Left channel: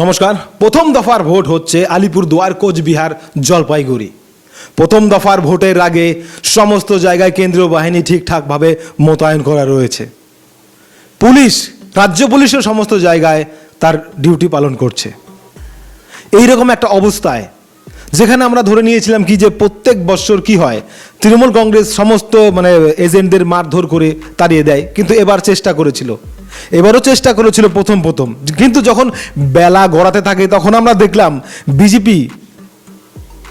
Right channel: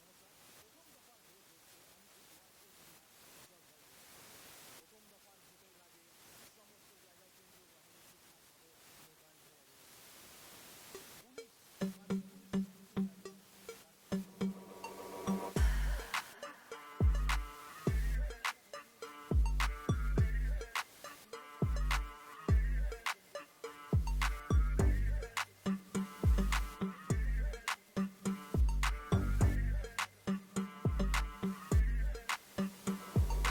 নমস্কার। প্রথম দফার ভোট হচ্ছে আলিপুরদুয়ার কোচবিহার, জলপাইগুড়ি। প্রথম দফার ভোটের আগে সমস্ত জায়গায় কেন্দ্রীয় বাহিনী ঠিকঠাকভাবে মোতায়েন করা রয়েছে। পুলিশ, রাজ্য পুলিশের সমস্ত জায়গায় তার ডিউটি পালন করছে। এই রকম একটা অবস্থায়, যেখানে আমরা ধরে নিয়েছিলাম কি যে প্রত্যেক বৎসর কি হয়, তৃণমূল কংগ্রেস সমস্ত মানে এজেন্টদের মারধর করে তাড়িয়ে দেয়, কিন্তু এবার চেষ্টা করেছিল। এবারও চেষ্টা করেছিল প্রথম প্রথম। কিন্তু যখন বেলা গড়াতে থাকে, তখন আমরা দেখলাম বিজেপি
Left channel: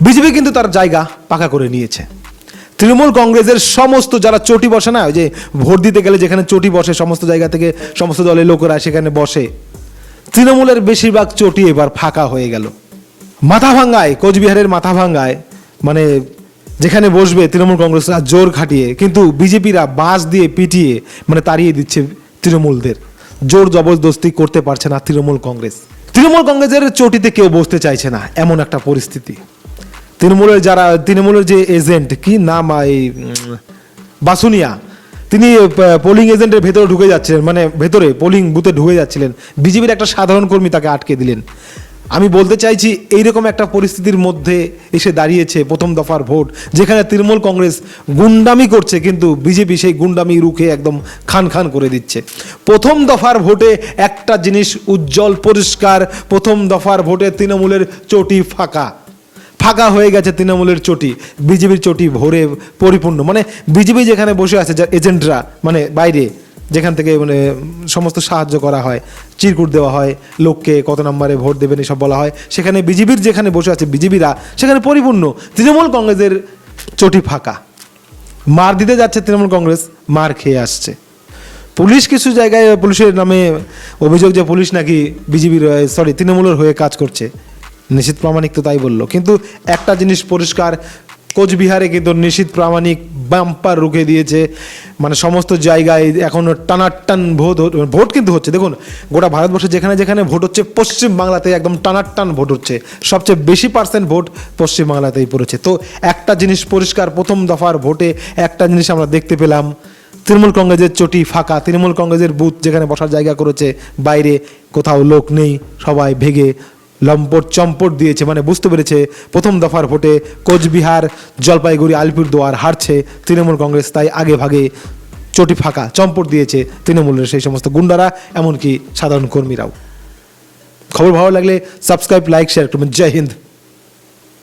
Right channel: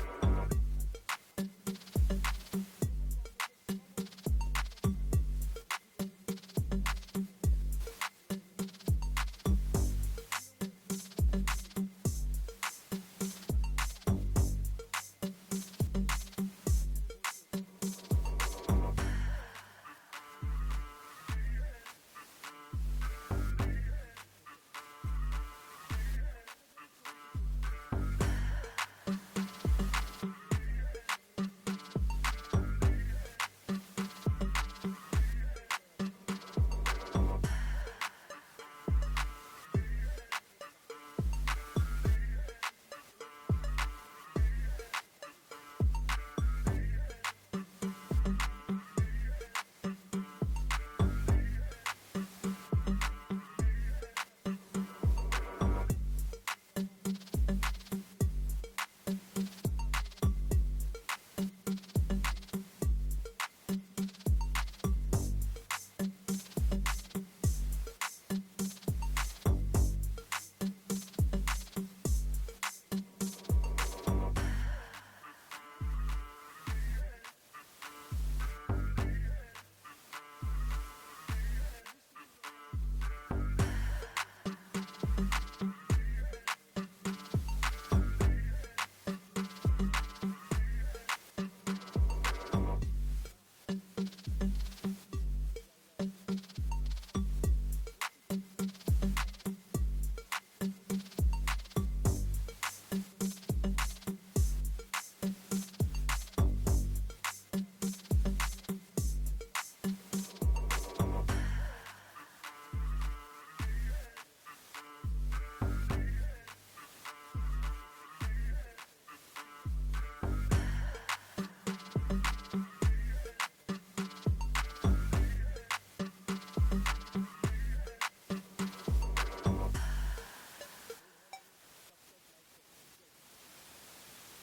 বিজেপি কিন্তু তার জায়গা পাকা করে নিয়েছে। তৃণমূল কংগ্রেসের সমস্ত যারা চটি বসে না যে ভোট দিতে গেলে যেখানে চটি বসে, সমস্ত জায়গা থেকে সমস্ত দলের লোকেরা সেখানে বসে, তৃণমূলের বেশিরভাগ চটি এবার ফাঁকা হয়ে গেল। মাথা ভাঙ্গায় কোচবিহারের মাথা ভাঙ্গায় মানে যেখানে বসবে তৃণমূল কংগ্রেসরা জোর খাটিয়ে, কিন্তু বিজেপিরা বাঁশ দিয়ে পিটিয়ে মানে তাড়িয়ে দিচ্ছে তৃণমূলদের। জোর জবরদস্তি করতে পারছে না তৃণমূল কংগ্রেস। তৃণমূল কংগ্রেসের চটিতে কেউ বসতে চাইছে না, এমন একটা পরিস্থিতি। তৃণমূলের যারা, তৃণমূলের যে এজেন্ট, কি নাম, এই বাসুনিয়া, তিনি পোলিং এজেন্টের ভেতরে ঢুকে যাচ্ছিলেন মানে ভেতরে পোলিং বুথে ঢুকে যাচ্ছিলেন। বিজেপির একটা সাধারণ কর্মী তাকে আটকে দিলেন। আমি বলতে চাইছি, এইরকম একটা পরিস্থিতির মধ্যে এসে দাঁড়িয়েছে প্রথম দফার ভোট, যেখানে তৃণমূল কংগ্রেস গুন্ডামি করছে, কিন্তু বিজেপি সেই গুন্ডামি রুখে একদম খান খান করে দিচ্ছে। প্রথম দফার ভোটে একটা জিনিস উজ্জ্বল পরিষ্কার, প্রথম দফার ভোটে তৃণমূলের চটি ফাঁকা। ফাঁকা হয়ে গেছে তৃণমূলের চটি, বিজেপির চটি ভরে পরিপূর্ণ। মানে বিজেপি যেখানে বসে আছে, যা এজেন্টরা মানে বাইরে, যেখান থেকে মানে সমস্ত সাহায্য করা হয়, চিরকুট দেওয়া হয়, লোককে কত নম্বরে ভোট দেবেন এসব বলা হয়, সেখানে বিজেপির যেখানে বসে আছে, বিজেপিরা, সেখানে পরিপূর্ণ। তৃণমূল কংগ্রেসের চটি ফাঁকা। মার দিতে যাচ্ছে তৃণমূল কংগ্রেস, মার খেয়ে আসছে। পুলিশ কিছু জায়গায়, পুলিশের নামে অভিযোগ যে পুলিশ নাকি বিজেপির সরি তৃণমূলের হয়ে কাজ করছে। নিশীত প্রামাণিক তো তাই বলল। কিন্তু একটা জিনিস পরিষ্কার, কোচবিহারে কিন্তু নিশীত প্রামাণিক বাম্পার রুখে দিয়েছে। মানে সমস্ত জায়গায় এখন টানাটান ভোট ভোট কিন্তু হচ্ছে। দেখুন, গোটা ভারতবর্ষে যেখানে যেখানে ভোট হচ্ছে, পশ্চিম বাংলাতে একদম টানাটান ভোট হচ্ছে। সবচেয়ে বেশি পার্সেন্ট ভোট পশ্চিম বাংলাতেই পড়েছে। তো একটা জিনিস পরিষ্কার, প্রথম দফার ভোটে একটা জিনিস আমরা দেখতে পেলাম। তৃণমূল কংগ্রেসের চটি ফাঁকা, তৃণমূল কংগ্রেসের বুথ যেখানে বসার জায়গা করেছে, বাইরে কোথাও লোক নেই, সবাই ভেগে লম্পট চম্পট দিয়েছে মানে বুঝতে পেরেছে, প্রথম দফার ভোটে কোচবিহার, জলপাইগুড়ি, আলিপুরদুয়ার হারছে তৃণমূল কংগ্রেস, তাই আগে ভাগে চটি ফাঁকা, চম্পট দিয়েছে তৃণমূলের সেই সমস্ত গুন্ডারা, এমনকি সাধারণ কর্মীরাও। খবর ভালো লাগলে সাবস্ক্রাইব, লাইক শেয়ার করবেন। জয় হিন্দ।